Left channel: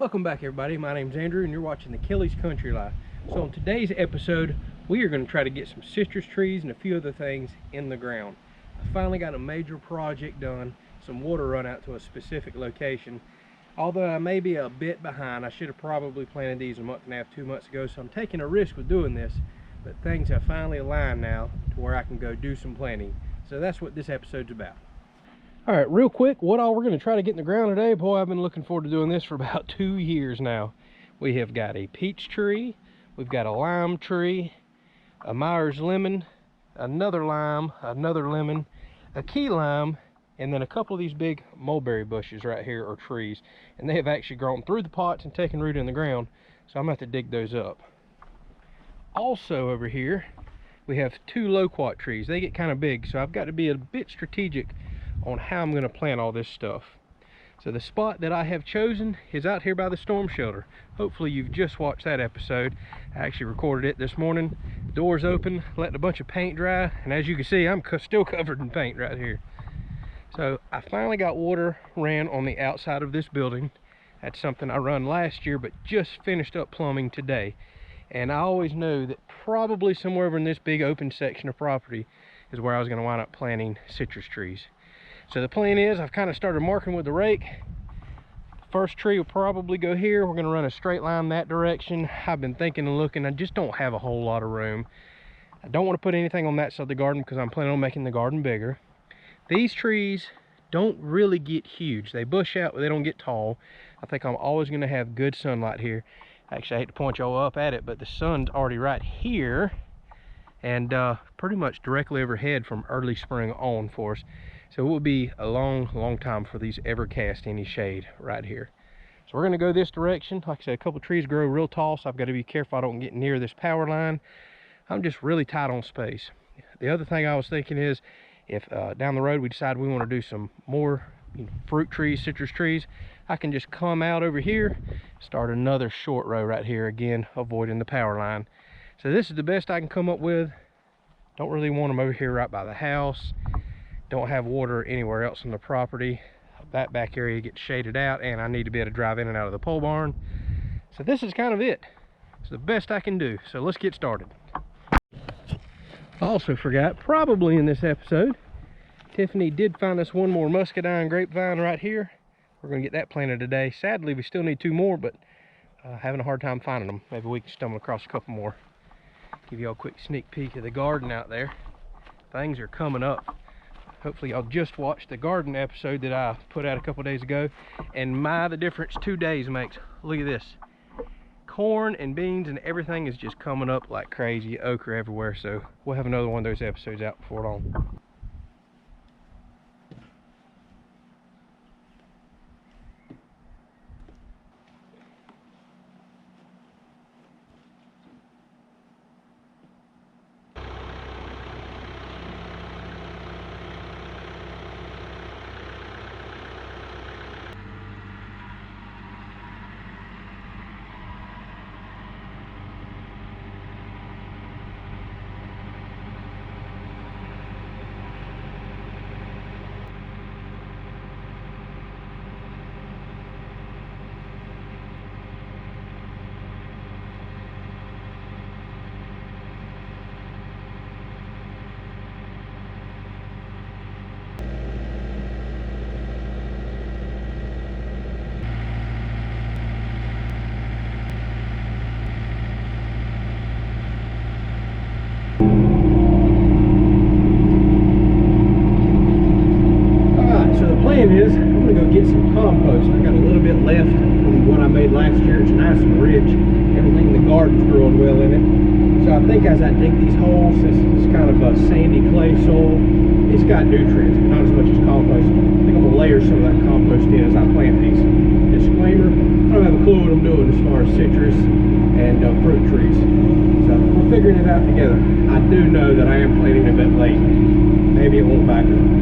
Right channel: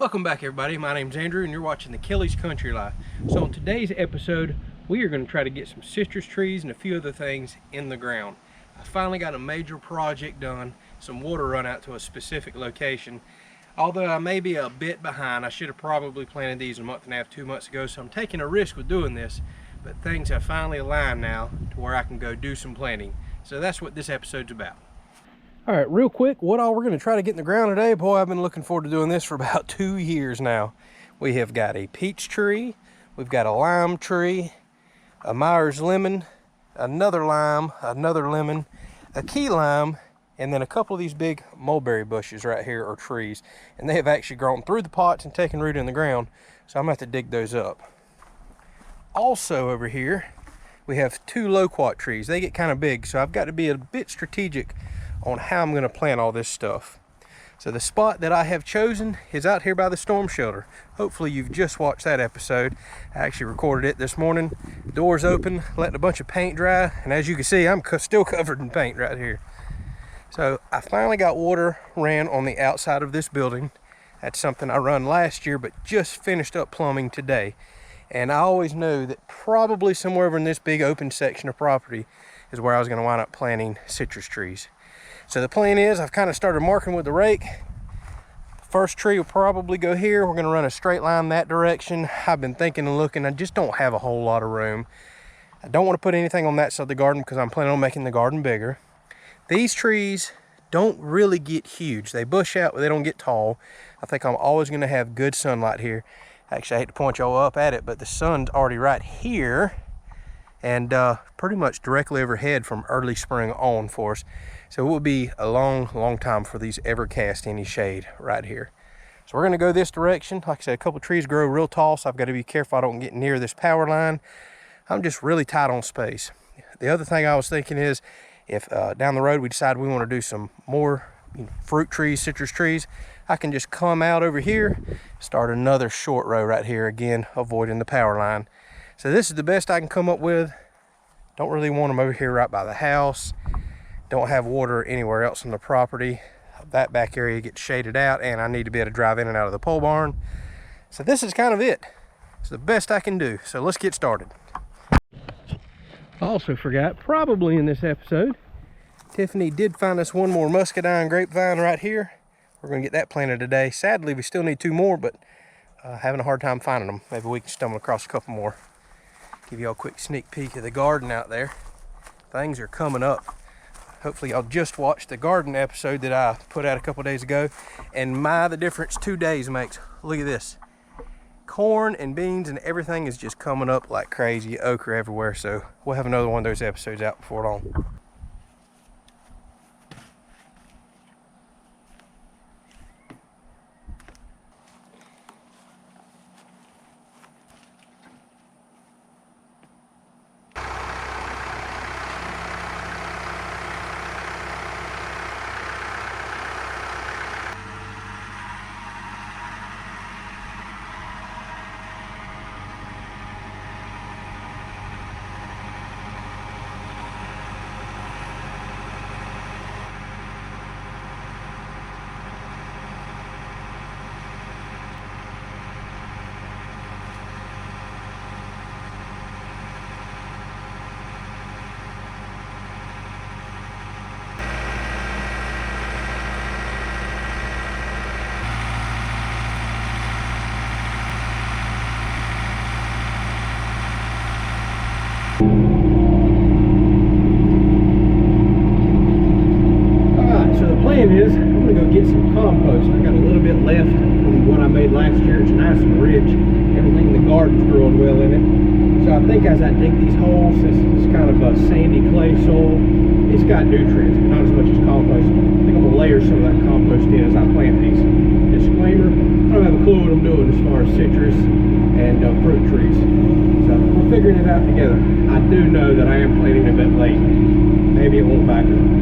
Welcome back, everybody. My name's Andrew and you're watching the Kelly's Country Life. So on today's episode, we are going to try to get some citrus trees and a few other things in the ground. I finally got a major project done, some water run out to a specific location. Although I may be a bit behind, I should have probably planted these a month and a half, 2 months ago, so I'm taking a risk with doing this, but things have finally aligned now to where I can go do some planting. So that's what this episode's about. All right, real quick, what all we're going to try to get in the ground today, boy, I've been looking forward to doing this for about 2 years now. We have got a peach tree, we've got a lime tree, a Myers lemon, another lime, another lemon, a key lime, and then a couple of these big mulberry bushes right here, or trees. And they have actually grown through the pots and taken root in the ground, so I'm going to have to dig those up. Also over here, we have 2 loquat trees. They get kind of big, so I've got to be a bit strategic on how I'm going to plant all this stuff. So the spot that I have chosen is out here by the storm shelter. Hopefully you've just watched that episode. I actually recorded it this morning. Doors open, letting a bunch of paint dry, and as you can see, I'm still covered in paint right here. So I finally got water ran on the outside of this building. That's something I run last year, but just finished up plumbing today. And I always knew that probably somewhere over in this big open section of property is where I was going to wind up planting citrus trees. So the plan is, I've kind of started marking with the rake. First tree will probably go here. We're going to run a straight line that direction. I've been thinking and looking. I just don't have a whole lot of room. I don't want to put anything on that side of the garden because I'm planning on making the garden bigger. These trees don't really get huge. They bush out, but they don't get tall. I think I'm always going to have good sunlight here. Actually, I hate to point y'all up at it, but the sun's already right here and pretty much directly overhead from early spring on for us. So it will be a long time for these ever cast any shade right here. So we're going to go this direction. Like I said, a couple trees grow real tall, so I've got to be careful I don't get near this power line. I'm just really tight on space. The other thing I was thinking is, if down the road we decide we want to do some more fruit trees, citrus trees, I can just come out over here, start another short row right here, again avoiding the power line. So this is the best I can come up with. Don't really want them over here right by the house. Don't have water anywhere else on the property. That back area gets shaded out, and I need to be able to drive in and out of the pole barn. So this is kind of it. It's the best I can do. So let's get started. I also forgot, probably in this episode, Tiffany did find us one more muscadine grapevine right here. We're going to get that planted today. Sadly, we still need 2 more, but having a hard time finding them. Maybe we can stumble across a couple more. Give y'all a quick sneak peek of the garden out there. Things are coming up. Hopefully y'all just watched the garden episode that I put out a couple days ago, and the difference 2 days makes. Look at this. Corn and beans and everything is just coming up like crazy. Okra everywhere, so we'll have another one of those episodes out before long. Is I'm going to go get some compost. I got a little bit left from what I made last year. It's nice and rich. Everything in the garden's growing well in it. So I think as I dig these holes, this is kind of a sandy clay soil. It's got nutrients, but not as much as compost. I think I'm going to layer some of that compost in as I plant these. Disclaimer, I don't have a clue what I'm doing as far as citrus and fruit trees. So we're figuring it out together. I do know that I am planting a bit late. Maybe it won't back up.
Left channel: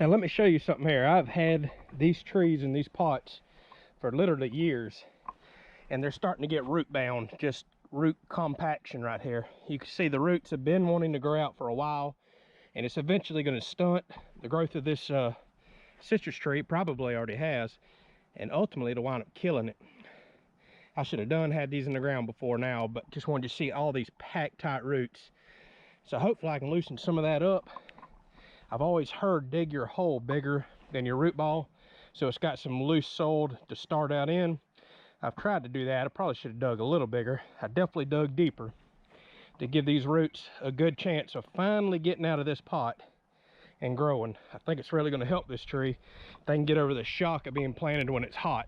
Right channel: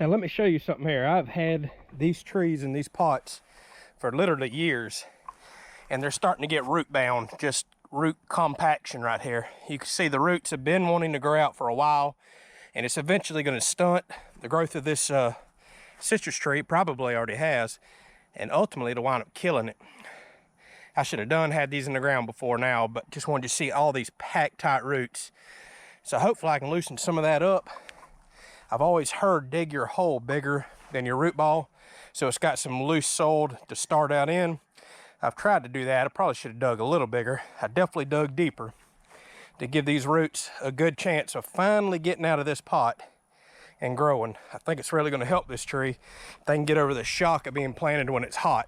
Now let me show you something here. I've had these trees in these pots for literally years, and they're starting to get root bound, just root compaction right here. You can see the roots have been wanting to grow out for a while, and it's eventually going to stunt the growth of this citrus tree. Probably already has, and ultimately it'll wind up killing it. I should have had these in the ground before now, but just wanted to see all these packed tight roots. So hopefully I can loosen some of that up. I've always heard dig your hole bigger than your root ball, so it's got some loose soil to start out in. I've tried to do that. I probably should have dug a little bigger. I definitely dug deeper to give these roots a good chance of finally getting out of this pot and growing. I think it's really going to help this tree if they can get over the shock of being planted when it's hot.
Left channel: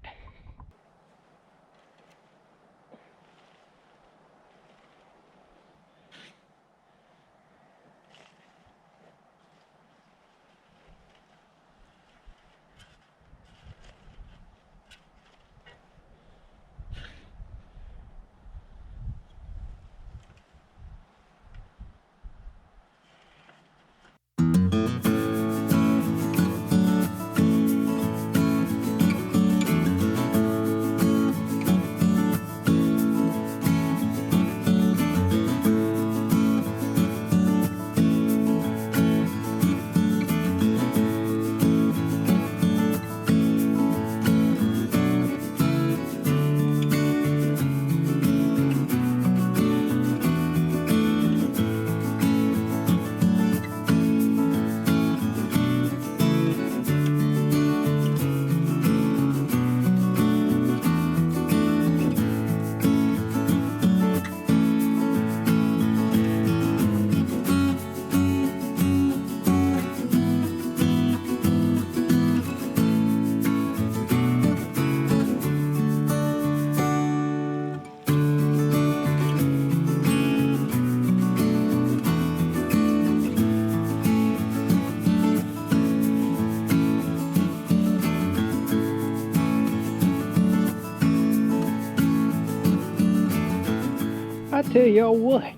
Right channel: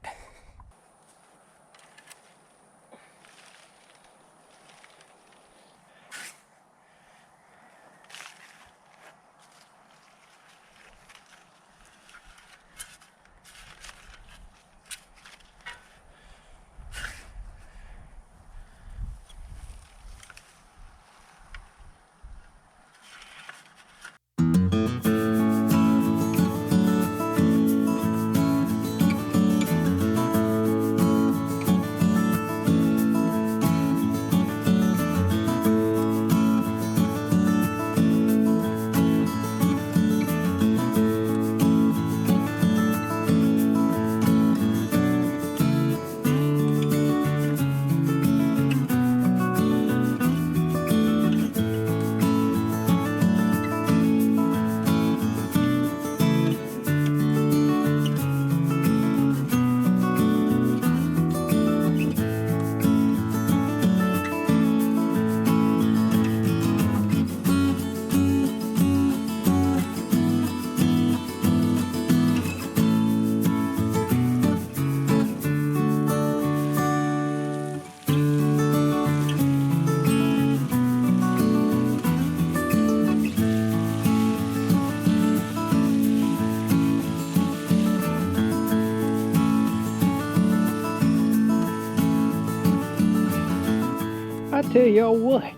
I tell y'all what,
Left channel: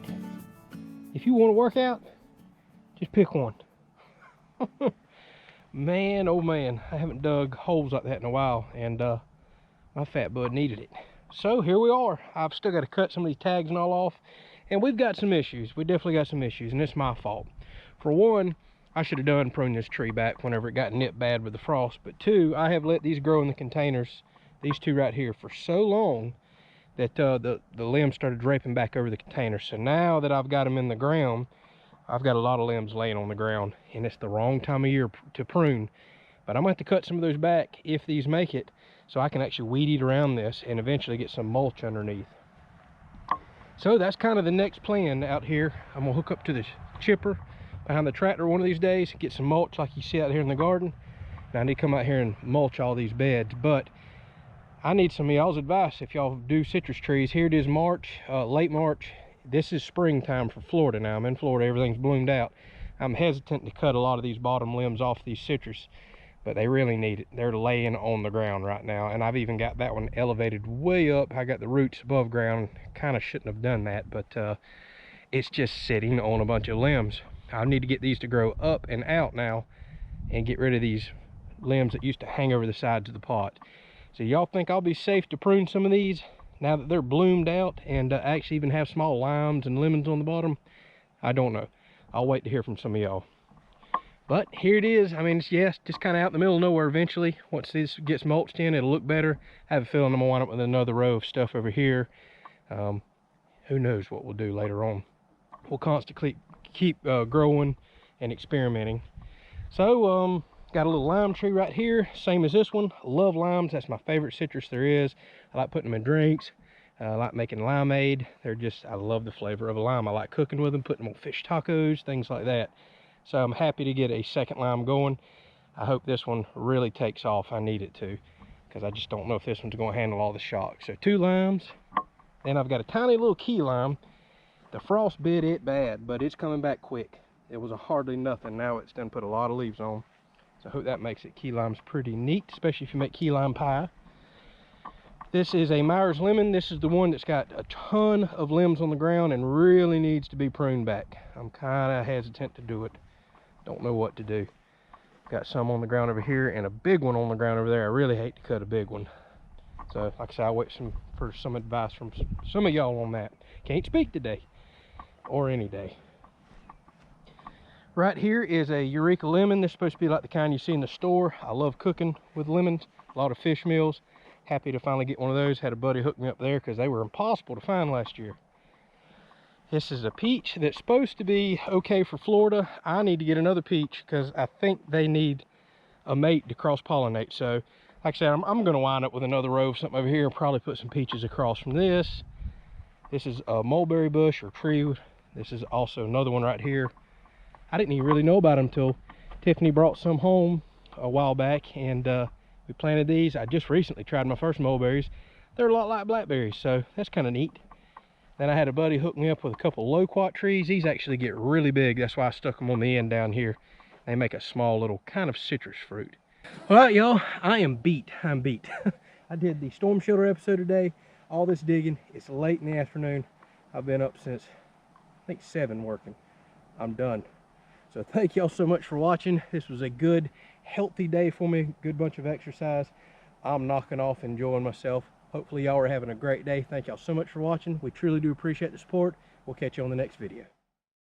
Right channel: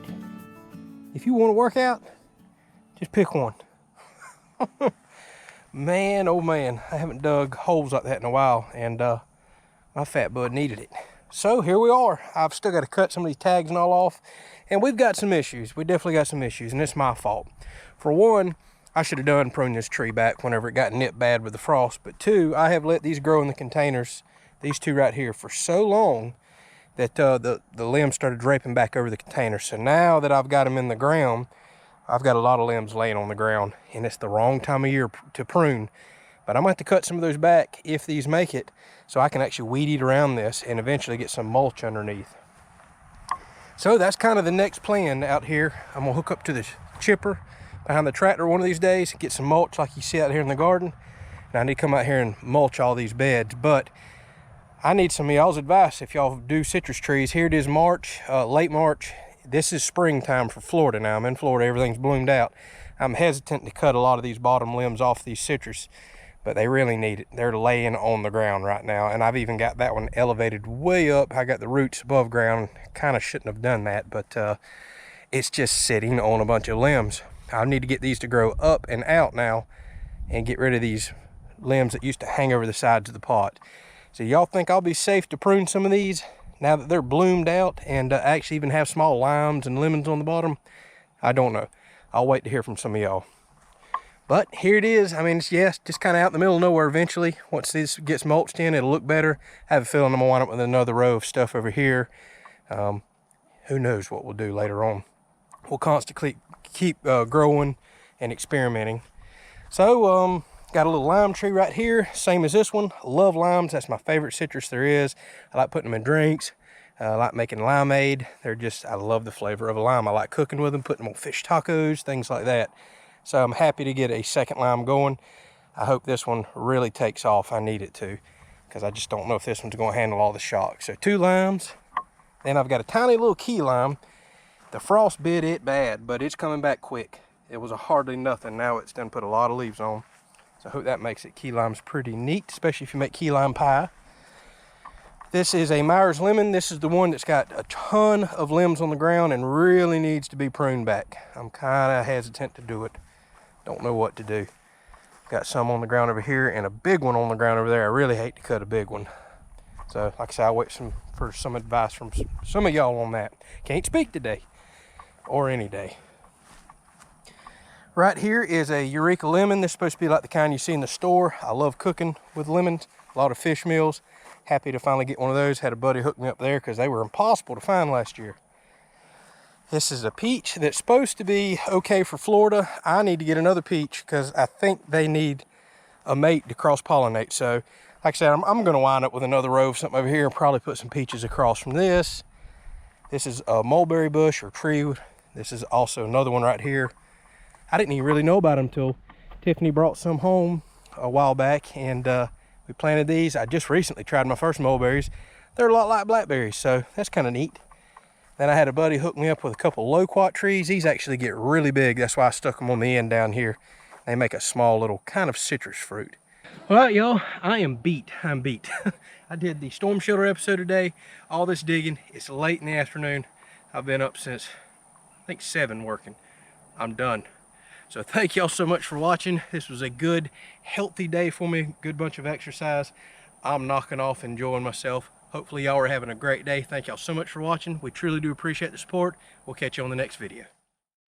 if you want to work out, just pick one. Man, oh man, I haven't dug holes like that in a while, and my fat bud needed it. So here we are. I've still got to cut some of these tags and all off, and we've got some issues. We definitely got some issues, and it's my fault. For one, I should have pruned this tree back whenever it got nipped bad with the frost. But two, I have let these grow in the containers, these two right here, for so long that the limbs started draping back over the container. So now that I've got them in the ground, I've got a lot of limbs laying on the ground, and it's the wrong time of year to prune. But I'm going to have to cut some of those back if these make it, so I can actually weed eat around this and eventually get some mulch underneath. So that's kind of the next plan out here. I'm going to hook up to the chipper behind the tractor one of these days, get some mulch like you see out here in the garden. And I need to come out here and mulch all these beds, but I need some of y'all's advice if y'all do citrus trees. Here it is March, late March. This is springtime for Florida now. I'm in Florida, everything's bloomed out. I'm hesitant to cut a lot of these bottom limbs off these citrus, but they really need it. They're laying on the ground right now, and I've even got that one elevated way up. I got the roots above ground. Kind of shouldn't have done that, but it's just sitting on a bunch of limbs. I need to get these to grow up and out now and get rid of these limbs that used to hang over the sides of the pot. So y'all think I'll be safe to prune some of these now that they're bloomed out and actually even have small limes and lemons on the bottom? I don't know. I'll wait to hear from some of y'all. But here it is. I mean, it's, yes, just kind of out in the middle of nowhere eventually. Once this gets mulched in, it'll look better. I have a feeling I'm going to wind up with another row of stuff over here. Who knows what we'll do later on. We'll constantly keep growing and experimenting. So, got a little lime tree right here, same as this one. Love limes. That's my favorite citrus there is. I like putting them in drinks. I like making limeade. They're just, I love the flavor of a lime. I like cooking with them, putting them on fish tacos, things like that. So I'm happy to get a second lime going. I hope this one really takes off. I need it to, because I just don't know if this one's going to handle all the shock. So 2 limes. Then I've got a tiny little key lime. The frost bit it bad, but it's coming back quick. It was a hardly nothing. Now it's done put a lot of leaves on. So I hope that makes it. Key lime's pretty neat, especially if you make key lime pie. This is a Myers lemon. This is the one that's got a ton of limbs on the ground and really needs to be pruned back. I'm kind of hesitant to do it. Don't know what to do. Got some on the ground over here and a big one on the ground over there. I really hate to cut a big one. So like I said, I'll wait for some advice from some of y'all on that. Can't speak today or any day. Right here is a Eureka lemon. This is supposed to be like the kind you see in the store. I love cooking with lemons. A lot of fish meals. Happy to finally get one of those. Had a buddy hook me up there because they were impossible to find last year. This is a peach that's supposed to be okay for Florida. I need to get another peach because I think they need a mate to cross-pollinate. So, like I said, I'm going to wind up with another row of something over here and probably put some peaches across from this. This is a mulberry bush or tree. This is also another one right here. I didn't even really know about them until Tiffany brought some home a while back, and we planted these. I just recently tried my first mulberries. They're a lot like blackberries, so that's kind of neat. Then I had a buddy hook me up with a couple loquat trees. These actually get really big. That's why I stuck them on the end down here. They make a small little kind of citrus fruit. All right, y'all, I am beat. I'm beat. I did the storm shelter episode today. All this digging. It's late in the afternoon. I've been up since, I think, 7 working. I'm done. So thank y'all so much for watching. This was a good, healthy day for me. Good bunch of exercise. I'm knocking off, enjoying myself. Hopefully y'all are having a great day. Thank y'all so much for watching. We truly do appreciate the support. We'll catch you on the next video.